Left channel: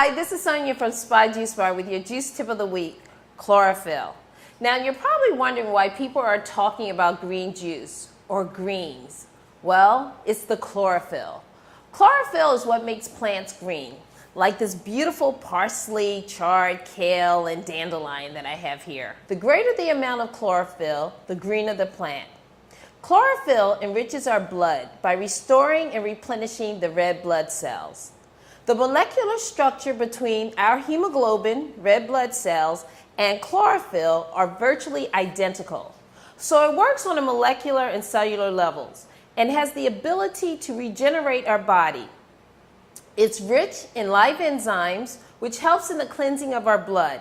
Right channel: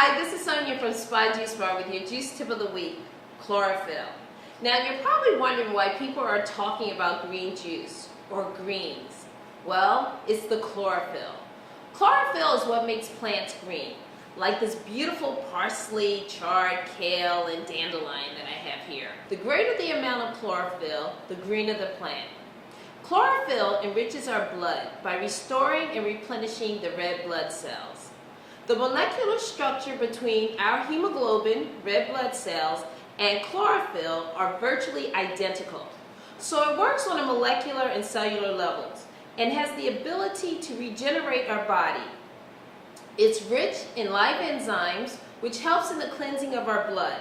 Hi, this is Sonia from SpaJuiceBar with your juice tip of the week, chlorophyll. Now you're probably wondering why people are talking about green juice or greens. Well, it's the chlorophyll. Chlorophyll is what makes plants green, like this beautiful parsley, chard, kale, and dandelion that I have here. The greater the amount of chlorophyll, the greener the plant. Chlorophyll enriches our blood by restoring and replenishing the red blood cells. The molecular structure between our hemoglobin, red blood cells, and chlorophyll are virtually identical. So it works on a molecular and cellular levels and has the ability to regenerate our body. It's rich in live enzymes, which helps in the cleansing of our blood,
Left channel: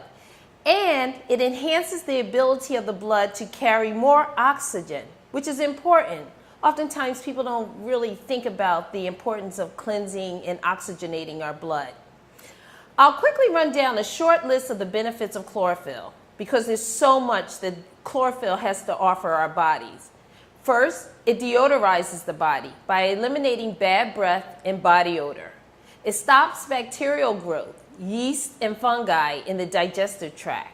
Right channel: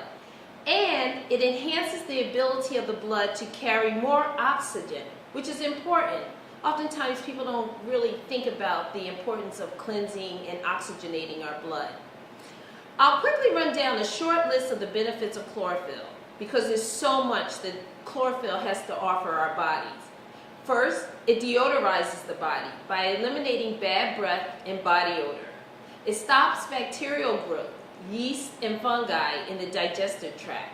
and it enhances the ability of the blood to carry more oxygen, which is important. Oftentimes people don't really think about the importance of cleansing and oxygenating our blood. I'll quickly run down a short list of the benefits of chlorophyll because there's so much that chlorophyll has to offer our bodies. First, it deodorizes the body by eliminating bad breath and body odor. It stops bacterial growth, yeast, and fungi in the digestive tract.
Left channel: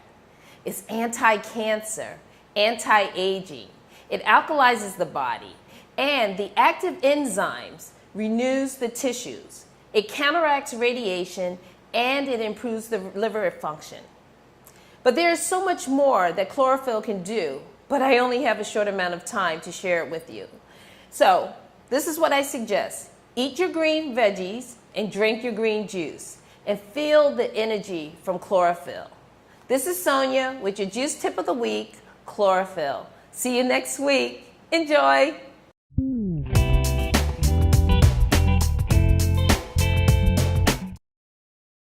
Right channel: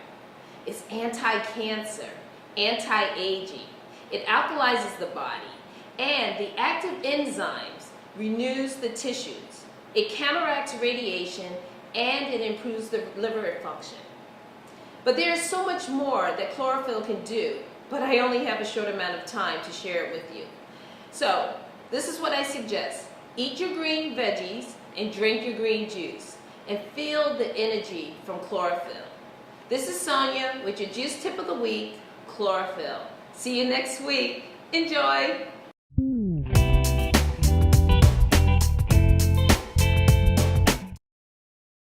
It's anti-cancer, anti-aging. It alkalizes the body. And the active enzymes renews the tissues. It counteracts radiation and it improves the liver function. But there's so much more that chlorophyll can do, but I only have a short amount of time to share it with you. So this is what I suggest. Eat your green veggies and drink your green juice and feel the energy from chlorophyll. This is Sonia with your juice tip of the week, chlorophyll. See you next week. Enjoy.